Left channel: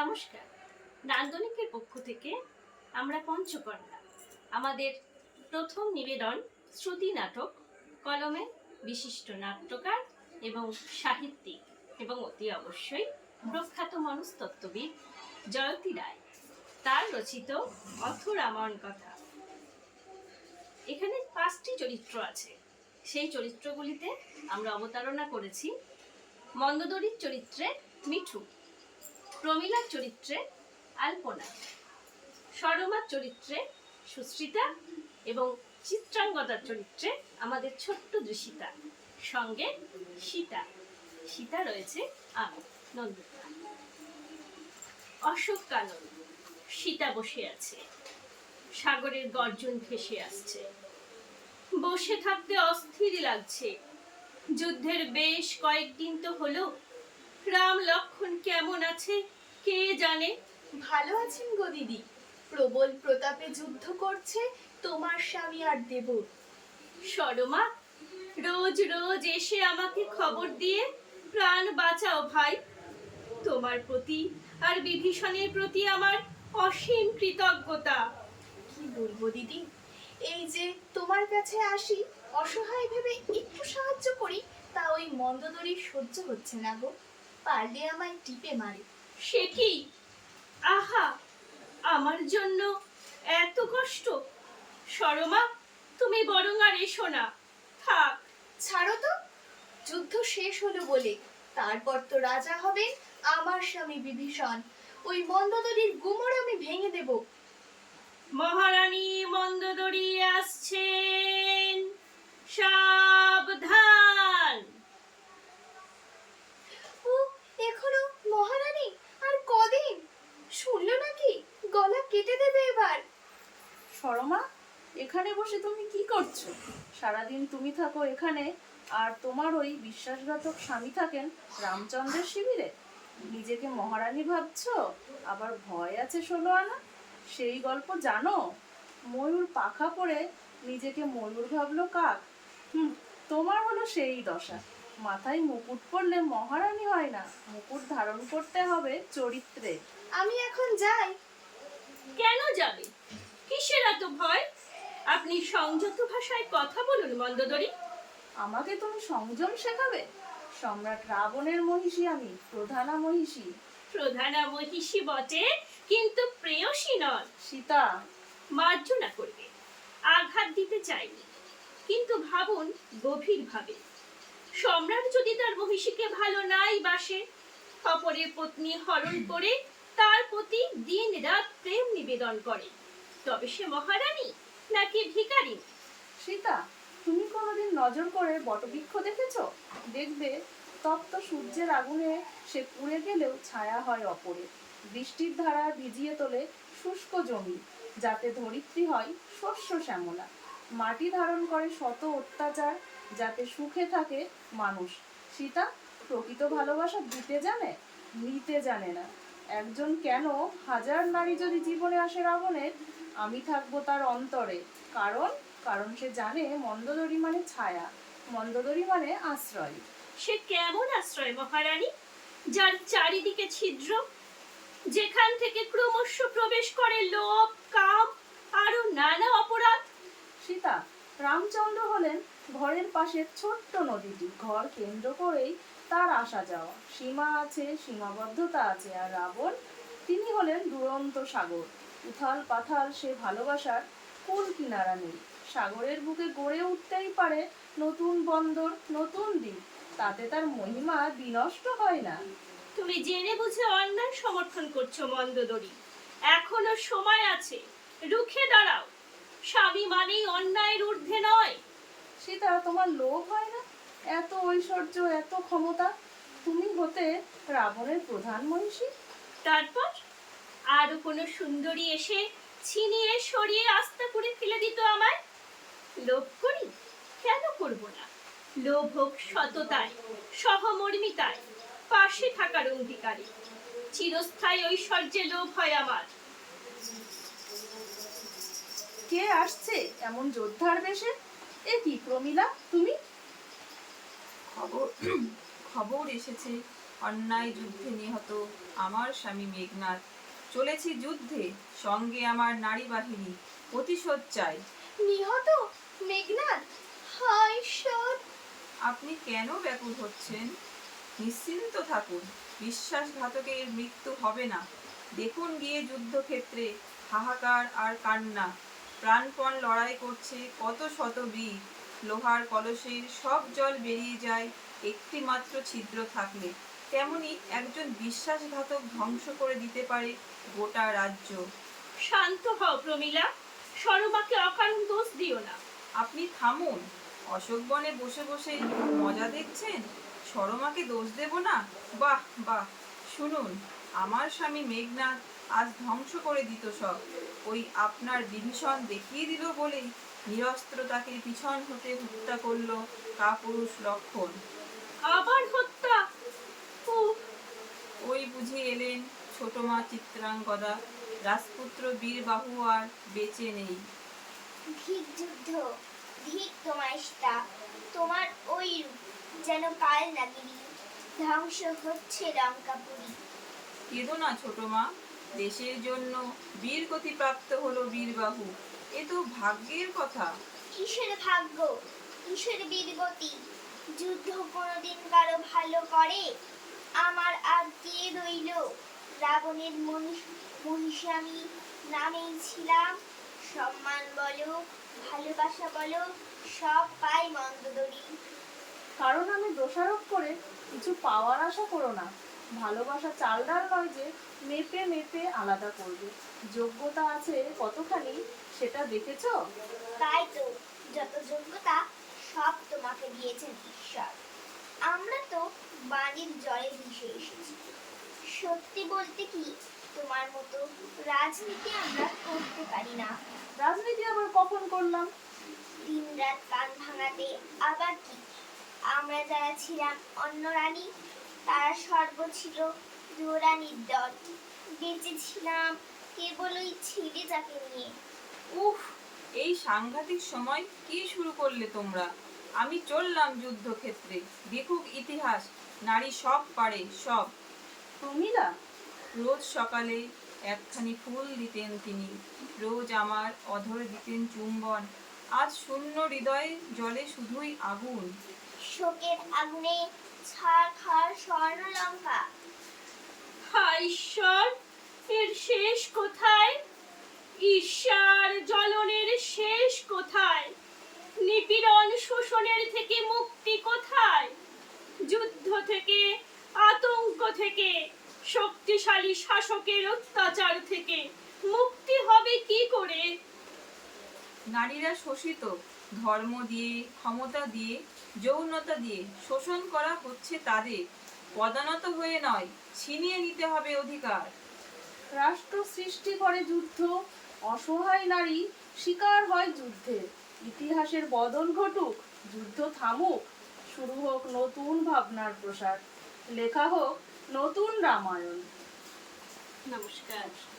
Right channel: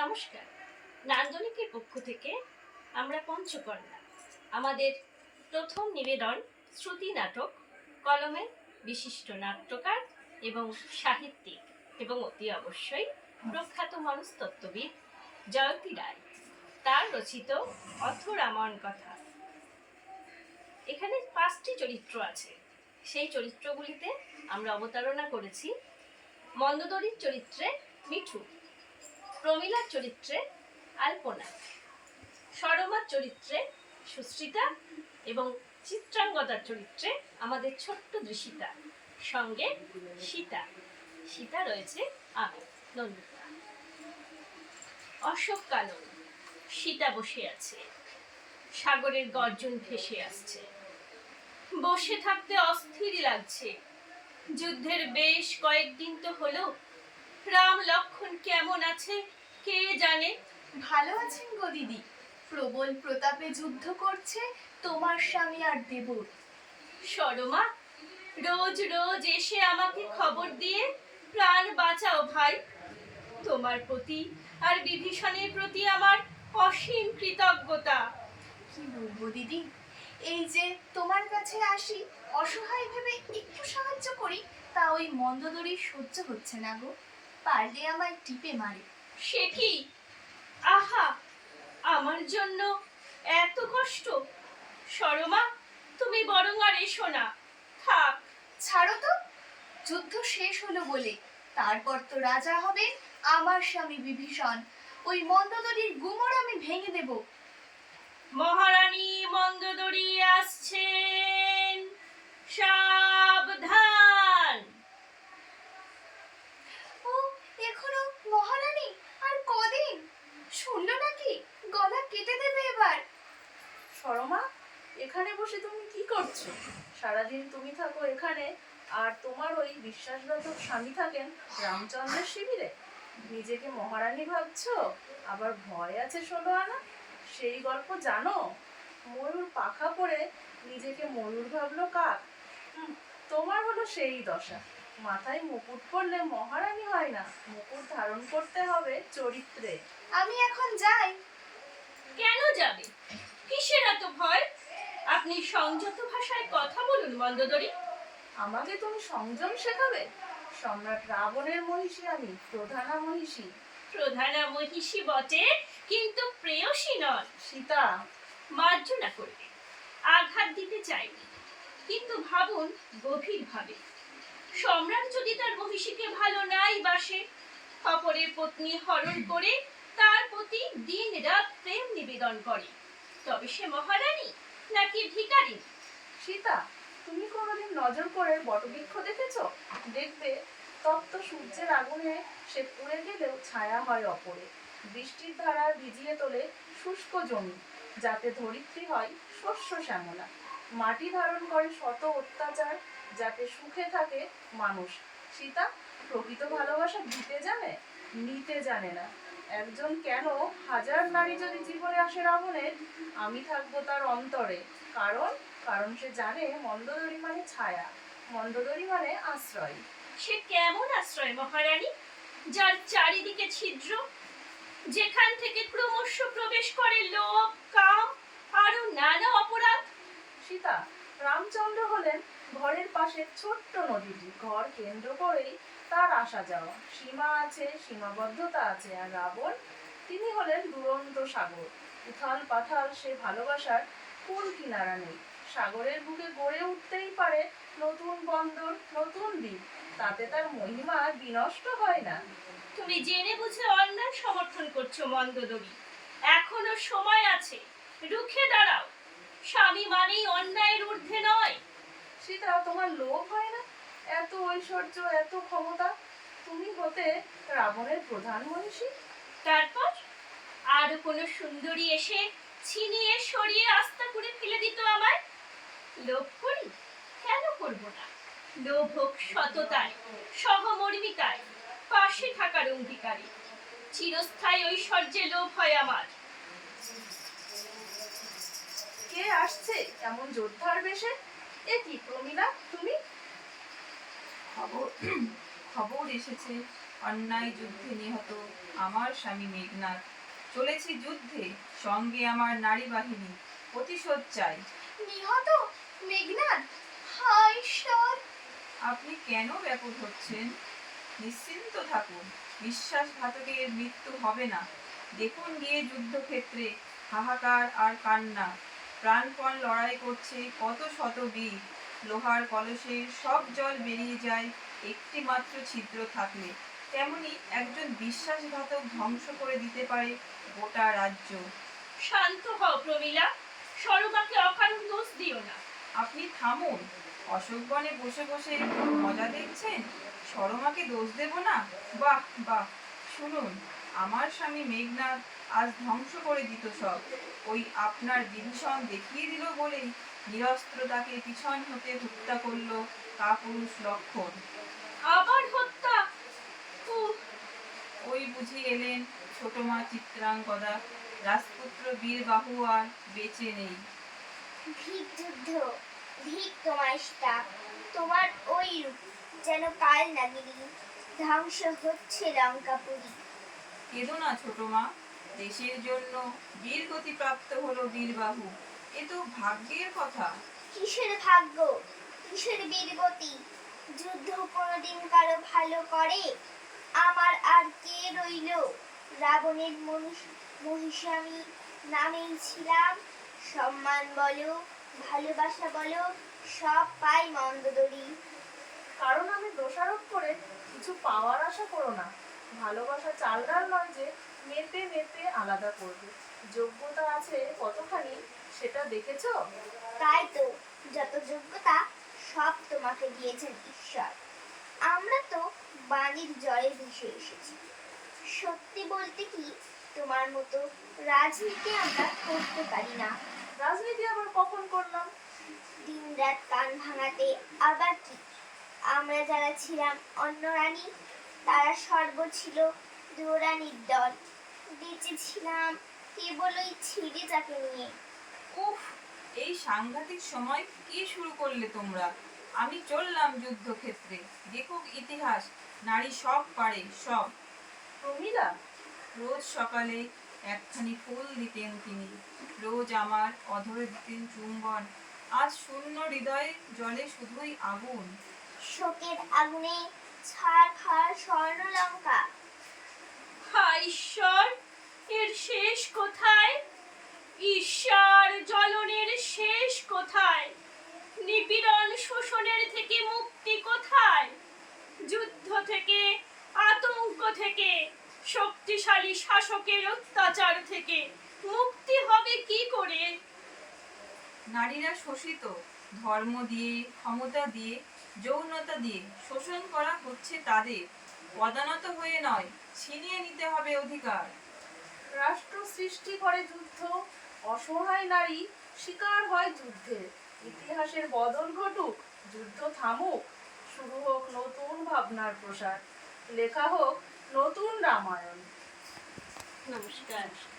নমস্কার। নান্দনিকের পক্ষ থেকে আমরা পঞ্চকন্যা, আমাদের প্রথম নিবেদন শ্রুতি নাটক, কলমে বিশিষ্ট নাট্যকার এবং সাহিত্যিক এবং অতি অবশ্যই প্রখ্যাত মনস্তত্ত্ববিদ জয়তী রায়, তার রচিত অথ রামায়ণ কথা। এখানে পাঁচটি চরিত্র আছে। সেই চরিত্রগুলিতে আমরা অবতারণা করেছি মন্দদরির চরিত্রে মিঠু প্রমীলার চরিত্রে আলপনা সরমার চরিত্রে সুশ্রিতা এবং চিত্রাঙ্গদার চরিত্রে আমাদের ছোট্ট দৃশিতা, সঙ্গে সীতা। সীতা রয়েছে আমি, নন্দিতা। অশোক কানন, সীতা বসে আছে। সাগরের গর্জন ভেসে আসছে। বসে থাকতে অস্থির লাগছে। যুদ্ধের বেশ কয়েকদিন তো হলো। রাম লক্ষণ কেমন আছে? কে জানে? ভালো আছেন গো দিদি। প্রবল প্রতাপে যুদ্ধ করছে তোমার স্বামী আর দেবর। সরমা রোজ রোজ এসে আমাকে খবর দিয়ে প্রাণ বাঁচাও ভাই। তোমার প্রতি আর বিভীষণের প্রতি আমার অসীম কৃতজ্ঞতা। কি বলব দিদি? এই যে তোমার কাছে আসি অসহায় ভেবে একটু সাহায্য করি তা ওই মন্দদরি সহ্য হচ্ছে না গো। পারলে আমায় টিপে মারে। সে কি? আহা আমার জন্য এত কষ্ট। সরমা তুমি বরং আর এসো না। থাক। ছাড়ো তো। যুদ্ধ শেষ হলো বলে তারপর তো রাজা হবে আমার স্বামী বিভীষণ। ওই মন্দদরির গুমর আমি ভেঙে দেব। মহারানী মন্দদরি আসছেন সাবধান ও এখনও মহারানী আর কদিন শুনলো নাকি গলা কেটে দেবে এবার সরমা এখানে বসে তুমি কি করছ। সারাদিন তুমি থাকো এখানে আর তোমার ওই বিশ্বাসঘাতক স্বামী থাকেন রামচন্দ্রের শিবিরে। নিজেকে মহারানী ভাবছ? আবার ভয় আছে ষোলো আনা সেই গল্প জানো? ময়ূর পাখা পড়ে নিজেকে ময়ূর ভাবলো কাক। হুম তোমার হলো সেই দশা। মাথায় মুকুট পরলে মহারানী হয় না। মুকুট ধারণ করতে হবে চরিত্রে। আমি এখন যাই। কেন যাবে? কিসের এত ভয়? আপনি সংযত ভাষায় কথা বলুন মন্দদরি। আমাকে তুমি সংযম শেখাবে? সম্রাট রাবণের মহিষী আমি প্রধানা মহিষী। প্রধানা মহিষী বটে কিন্তু প্রেয়সী নন। সীতা। মার্জনা করবে আঘাত দিতে চাইনি কিন্তু ভাবুন গভীরভাবে। সম্রাট যদি তার মহিষীকে ভালো নাই বাসে অপরের পত্নী হরণ করে তার প্রতি দিন রাত প্রেম নিবেদন করে। তবে সে মহারানী নাকি ভিখারিনী সীতা, তুমি কোনোদিন নজর করে বটবৃক্ষ দেখেছ? দেখবে, তপ্ত সূর্যের আগুনে সে পুড়ে গেলেও ছায়া হয় অপরে। বৃষ্টির ধারা ভিজিয়ে তোলে শুষ্ক জমি, যাতে ধরিত্রী হয় শস্য শ্যামলা। মাটি ধারণ করে শত অত্যাচার, যাতে সুখে থাকে মানুষ। সীতা, প্রকৃত ভালোবাসা দিতে জানে, নিতে জানে না। একজন কেন হাজার নারী যদি জীবনে আসে রাবণের আমি থাকব তার অন্তরে। কারণ কারণ সে জানে মন্দদরি মানে ছায়া মন্দদরি মানে আশ্রয়। সে কেমন আশ্রয় মহারানী? যার চারিদিকে ছিদ্র যেখান থেকে ক্রমশ প্রবেশ করে লোভ কাম আরও নানা অপরাধ। সীতা রামচন্দ্র হলেন ঘরের পাশে ছোট্ট নদীটি। ঘর কেন্দ্র করেই তার আসা যাওয়া। সীমা আছে সীমাবদ্ধতা আছে আর রাবণ তিনি হলেন দুরন্ত সাগর। উথাল পাথাল সে ভালোবাসার কোন কিনারা নেই। সাগরের বুকে গড়ে উঠতেই পারে নতুন বন্দর নতুন দ্বীপ। তাতে তার মহিমা বিনষ্ট হয় না। তুমি জেনে বুঝে অন্যায় সমর্থন করছ মন্দদরি। এখনও সময় আছে। রুখে দাঁড়াও। স্বামী মানেই অন্যায়ের ঊর্ধ্বে নয়। সীতা তোমার লোভ হয় এত ঐশ্বর্য এত ক্ষমতা তুমি হতে রাবণের প্রধান মনীষী? তারপর আর কোনো সুন্দরী এসে ছিনিয়ে সরিয়ে আস্থা করে ফেলে দিত আমায়? লোভ করি? কেন করব না? লোভ হোক সততায় সহমর্মিতায় পাশে থাকার অঙ্গীকারে। চিরস্থায়ী ঐশ্বর্যে লোভ হয় আমার। কে আসছে এমন যোদ্ধার বেশে? এ কি প্রমিলা তুমি? খবর খবর এসেছে অন্যায় যুদ্ধে নিহত আমার স্বামী মেঘনাথ। চলেছি যুদ্ধে সঙ্গে আমার নারী বাহিনী প্রতিশোধ চাই। নিহত? মেঘনাদ হায় ঈশ্বর আপনি কেন ব্যাকুল হচ্ছেন? নিশ্চিন্ত থাকুন বিশ্বাসঘাতকের মৃত্যু হবে না। দেখুন গিয়ে যুদ্ধক্ষেত্রে হাহাকার আর কান্না। প্রাণপণ লড়াই করছে কত শত বীর। লোহার কলসে সব জল বেরিয়ে যায় একটি মাত্র ছিদ্র থাকলে। তেমনি একজন বিশ্বাসঘাতক ধ্বংস করে দিতে পারে গোটা রাজ্য। শান্ত হও প্রমীলা সরমাকে অকারণ দোষ দিও না। আপনি থামুন অশোক বনে বসে বসে মজা দেখছেন? সরমাকে দোষ দেব না? বাহ বাহ। শুনুন আমার স্বামী মেঘনাথ আজ ধ্বংস করে দিত সব। ওই আপনার বিভীষণ দেখিয়ে দিল বলেই নিরস্ত্র তাকে পিছন হতে হত্যা করল কাপুরুষ লক্ষণ। আবার হত্যা? ওই বুঝে এলেন ছোট মা চিত্রাঙ্গদা রাজপুত্র বীর বাহু আর বেঁচে নেই। ভিক যুদ্ধ ভিক তোমার স্টা তোমার ওই রূপ যেন কাল নাগিনী। ধ্বংস হচ্ছে লঙ্কাপুরী। কেঁদো না ছোট মা দেশের জন্য বীর গতি প্রাপ্ত হলো বীরবাহু। এ তো ভাগ্যের কথা। কিসের ভাগ্য? কিসের বীরগতি? যুদ্ধ কোনোদিন কারও ভালো করে? আমার আর কে রইল? রাবণের মহিষ- মহিষে নামেই ছিলাম। সম্মান বলো ভালোবাসা বলো সব পাই মন্দদরি। কারণ আমি দোষারোপ করে কিছু পাওয়ার আশা করো না। ভালোবাসা চালদার নয় যে মেপে মেপে আলাদা করবে। যোগ্যতা আছে কতখানি সেটা দেখেছ? তাই তো যত যোগ্যতা সব তোমাকে দিয়েছেন ঈশ্বর। আমরা তো বাণীর জলে ভেসে এসেছি। সত্যি বলতে কি তোমার মতো রাজনীতি আমরা করতে পারি না। রাজনীতি আবার কখন করলাম? দিন রাত কান ভাঙাতে আবার কি? আমরা যারা ছিলাম অন্য রানী তারা সর্ব ছিল দুরানির দল বেঁচে ছিলাম কেবল ওই ছিঁড়েটাকে নিয়ে। উফ এই সাংঘাতিক সময় কি শুরু করলে তোমরা? আমি চললাম যুদ্ধক্ষেত্রে। দেখুক ইতিহাস নারী সব পারে সব। প্রমীলা রোজ সকালে একখানি ফুল দিতেন তিনি। রোজ আমার অধর দিতেন চুম্বন। আজ শূন্য হৃদয়ে জলে শুধুই আগুন। শোকের আগুনে ছাড় খাড় স্বর্ণ লঙ্কা ঈশ্বর এর শেষ কোথায়? ঈশ্বর জ্বলনের শেষ কোথায়? নিপীড়ন শোষণের থেকে মুক্তি কোথায়? যুদ্ধ থেকে আতঙ্ক থেকে শক্তিশালী শাসকের অত্যাচার থেকে মুক্তি হবে কি করে? নারীরা শোষিত ধর্ম দিয়ে ক্ষমতা দিয়ে যৌনতা দিয়ে শোষণ করা হচ্ছে তাদের। পদানত হয়ে নয় ছিনিয়ে নিতে হবে অধিকার। রাষ্ট্র সৃষ্টি করে যুদ্ধ অসহায় নারী শিকার হয় যুদ্ধে। ইতিহাসের বদল ঘটুক যুদ্ধ থামুক। শুরু হোক নতুন ভাবনার প্রসার। লেখা হোক নতুন রামায়ণ। নমস্কার।